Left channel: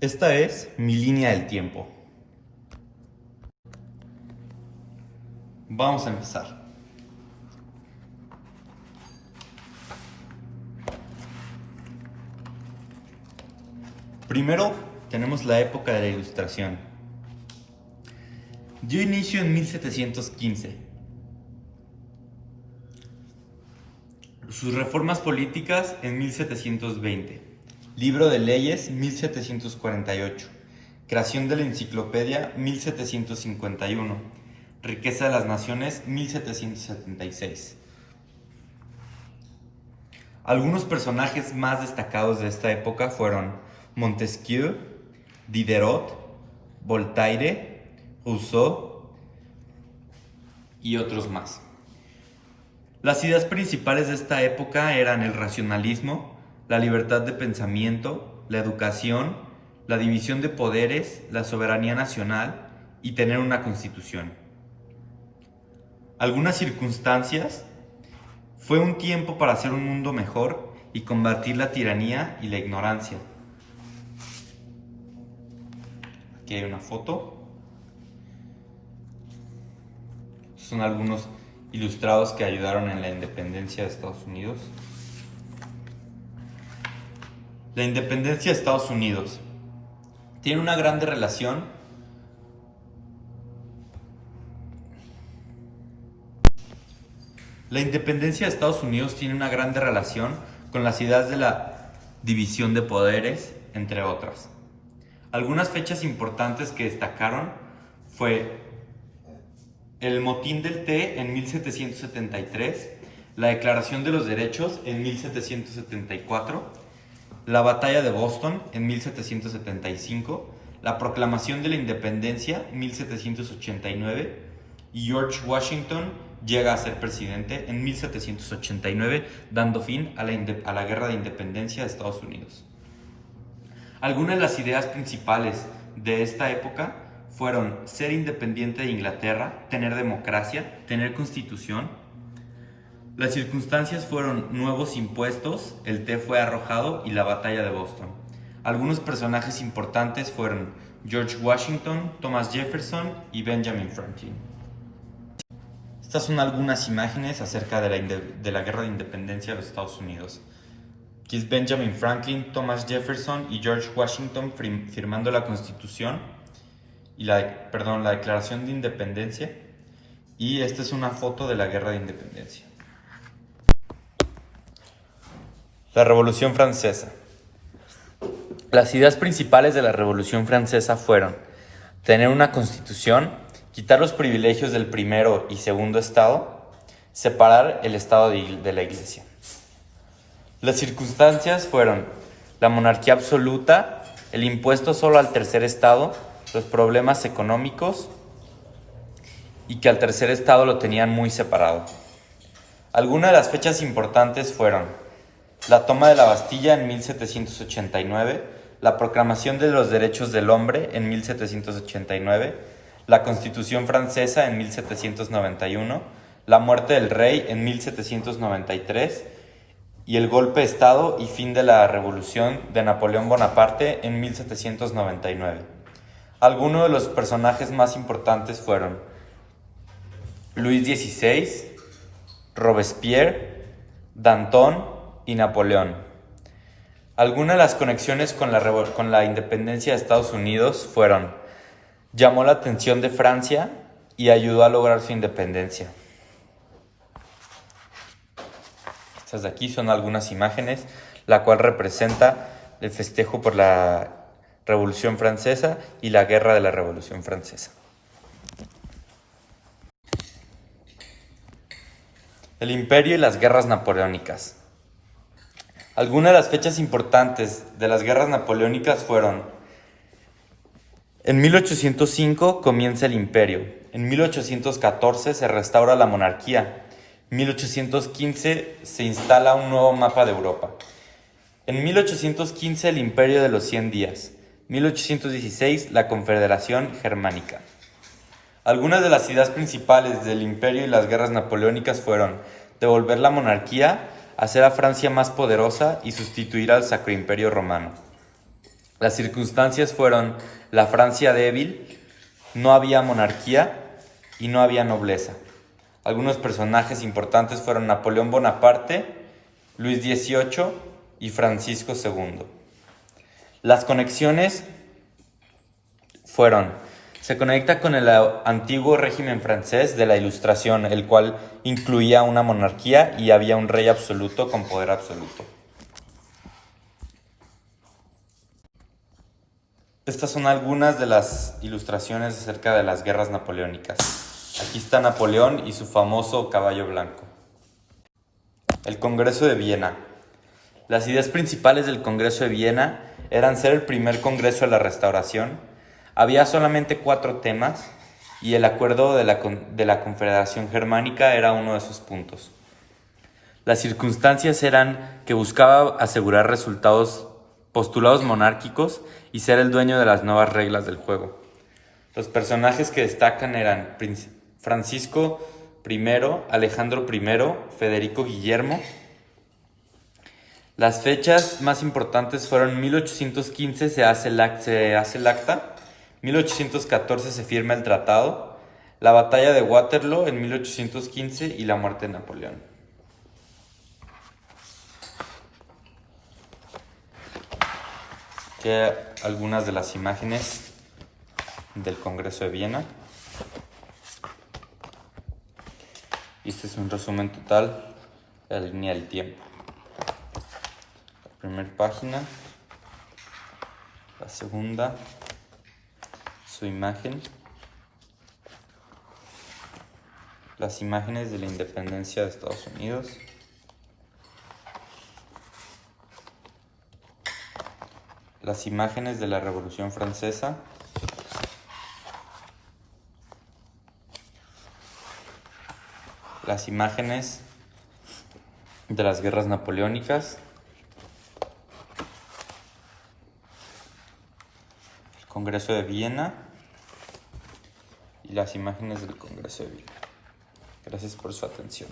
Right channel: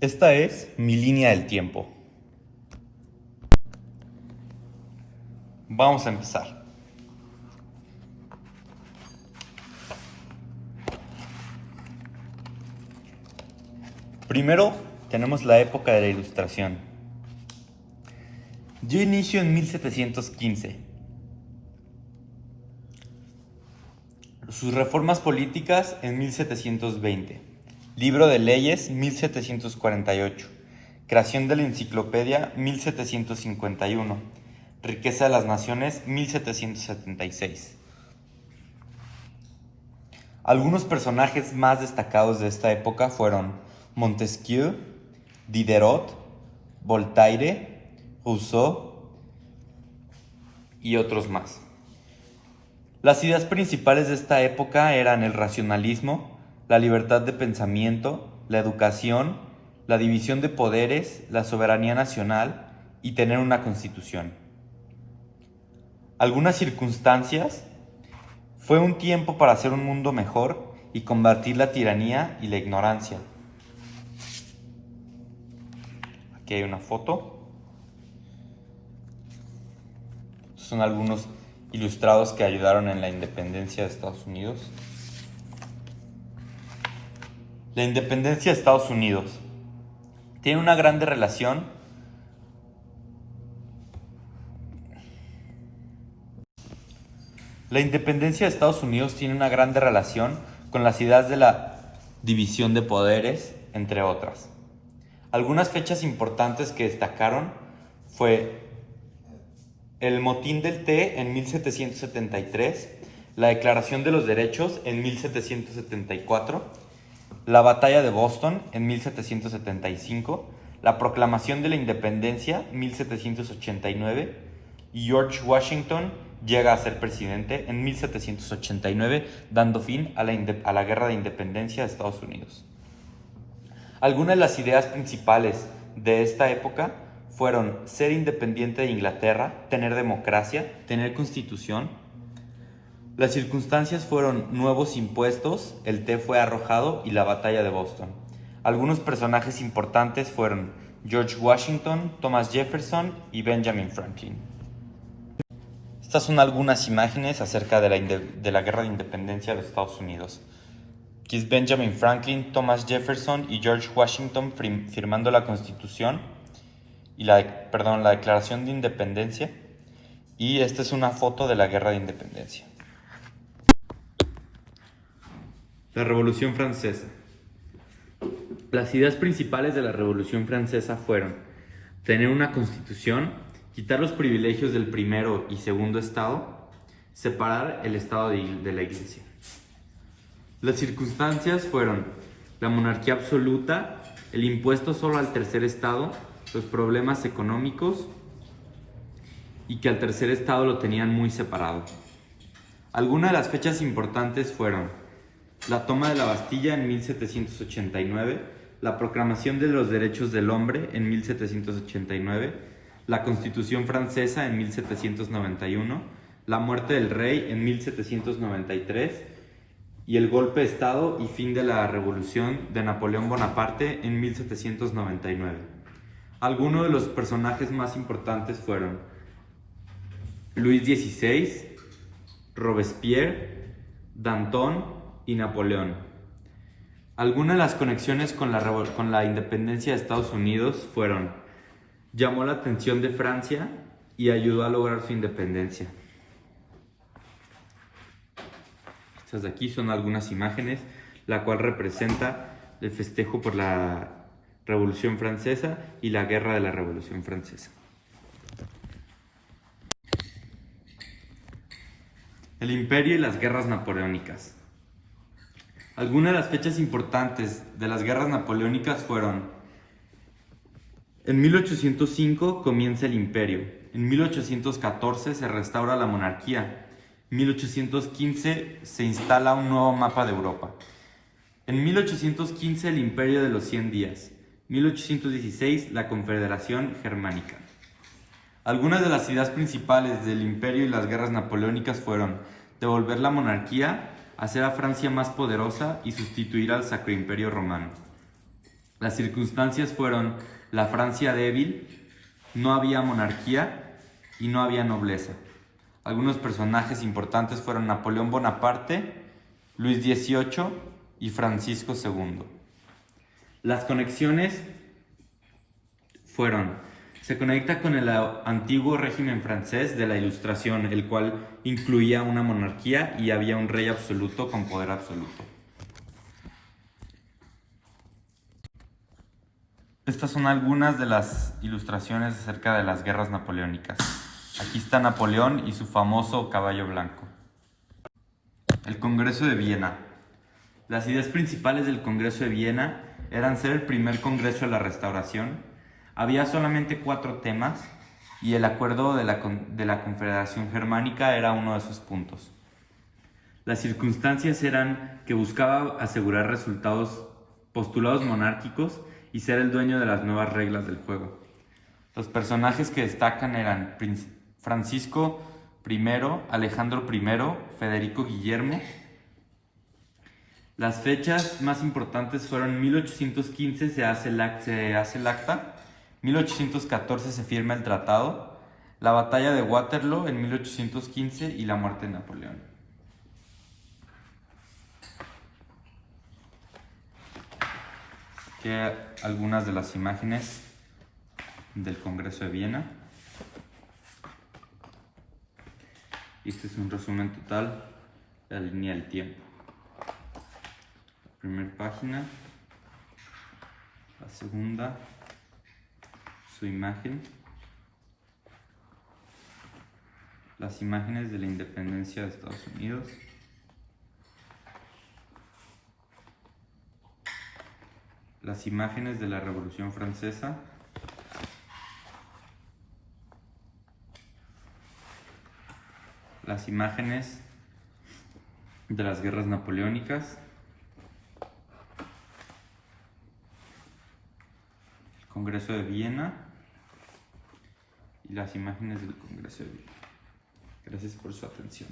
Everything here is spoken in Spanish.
Esta es mi línea del tiempo. Vamos a empezar. Primero tenemos la época de la Ilustración. Dio inicio en 1715. Sus reformas políticas en 1720. Libro de leyes 1748. Creación de la enciclopedia 1751. Riqueza de las naciones 1776. Algunos personajes más destacados de esta época fueron Montesquieu, Diderot, Voltaire, Rousseau y otros más. Las ideas principales de esta época eran el racionalismo, la libertad de pensamiento, la educación, la división de poderes, la soberanía nacional y tener una constitución. Algunas circunstancias fue un tiempo para hacer un mundo mejor y combatir la tiranía y la ignorancia. Aquí hay una foto. Son algunos ilustrados que ayudaron en la independencia de Estados Unidos. La independencia de Estados Unidos tiene una grande relación La independencia de Estados Unidos tiene una grande relación con las ideas de la división de poderes, entre otras. Algunas fechas importantes que destacaron fue el motín del té en 1773, la Declaración de los Derechos en 1774, la Batalla de Boston en 1775, la Proclamación de la Independencia en 1789 y George Washington llega a ser presidente en 1789, dando fin a la Guerra de Independencia de Estados Unidos. Algunas de las ideas principales de esta época fueron ser independiente de Inglaterra, tener democracia, tener constitución. Las circunstancias fueron nuevos impuestos, el té fue arrojado y la batalla de Boston. Algunos personajes importantes fueron George Washington, Thomas Jefferson y Benjamin Franklin. Estas son algunas imágenes acerca de la Guerra de Independencia de los Estados Unidos. Aquí es Benjamin Franklin, Thomas Jefferson y George Washington firmando la Constitución y la Declaración de Independencia. Y esta es una foto de la Guerra de Independencia. La Revolución Francesa. Las ideas principales de la Revolución Francesa fueron tener una constitución, quitar los privilegios del primero y segundo estado, separar el estado de la iglesia. Las circunstancias fueron la monarquía absoluta, el impuesto solo al tercer estado, los problemas económicos y que al tercer estado lo tenían muy separado. Algunas de las fechas importantes fueron la toma de la Bastilla en 1789, la proclamación de los derechos del hombre en 1789, la Constitución francesa en 1791, la muerte del rey en 1793 y el golpe de Estado y fin de la Revolución de Napoleón Bonaparte en 1799. Algunos de los personajes más importantes fueron Luis XVI, Robespierre, Danton y Napoleón. Algunas de las conexiones con la independencia de Estados Unidos fueron: llamó la atención de Francia y ayudó a lograr su independencia. Estas de aquí son algunas imágenes, la cual representa el festejo por la Revolución Francesa y la guerra de la Revolución Francesa. El Imperio y las guerras napoleónicas. Algunas de las fechas importantes de las guerras napoleónicas fueron: en 1805 comienza el Imperio, en 1814 se restaura la monarquía, en 1815 se instala un nuevo mapa de Europa. En 1815 el Imperio de los 100 días, 1816 la Confederación Germánica. Algunas de las ideas principales del Imperio y las guerras napoleónicas fueron devolver la monarquía, hacer a Francia más poderosa y sustituir al Sacro Imperio Romano. Las circunstancias fueron la Francia débil, no había monarquía y no había nobleza. Algunos personajes importantes fueron Napoleón Bonaparte, Luis XVIII y Francisco II. Las conexiones se conecta con el antiguo régimen francés de la Ilustración, el cual incluía una monarquía y había un rey absoluto con poder absoluto. Estas son algunas de las ilustraciones acerca de las guerras napoleónicas. Aquí está Napoleón y su famoso caballo blanco. El Congreso de Viena. Las ideas principales del Congreso de Viena eran ser el primer Congreso de la Restauración. Había solamente 4 temas y el acuerdo de la Confederación Germánica era uno de sus puntos. Las circunstancias eran que buscaba asegurar postulados monárquicos y ser el dueño de las nuevas reglas del juego. Los personajes que destacan eran Francisco I, Alejandro I, Federico Guillermo. Las fechas más importantes fueron 1815 se hace el acta, 1814 se firma el tratado, la batalla de Waterloo en 1815 y la muerte de Napoleón. Aquí hay algunas de las imágenes del Congreso de Viena. Este es un resumen total de la línea del tiempo. La primera página, la segunda, su imagen, las imágenes de la independencia de Estados Unidos, las imágenes de la Revolución Francesa, las imágenes de las guerras napoleónicas, el Congreso de Viena y las imágenes del Congreso de Viena. Gracias por su atención.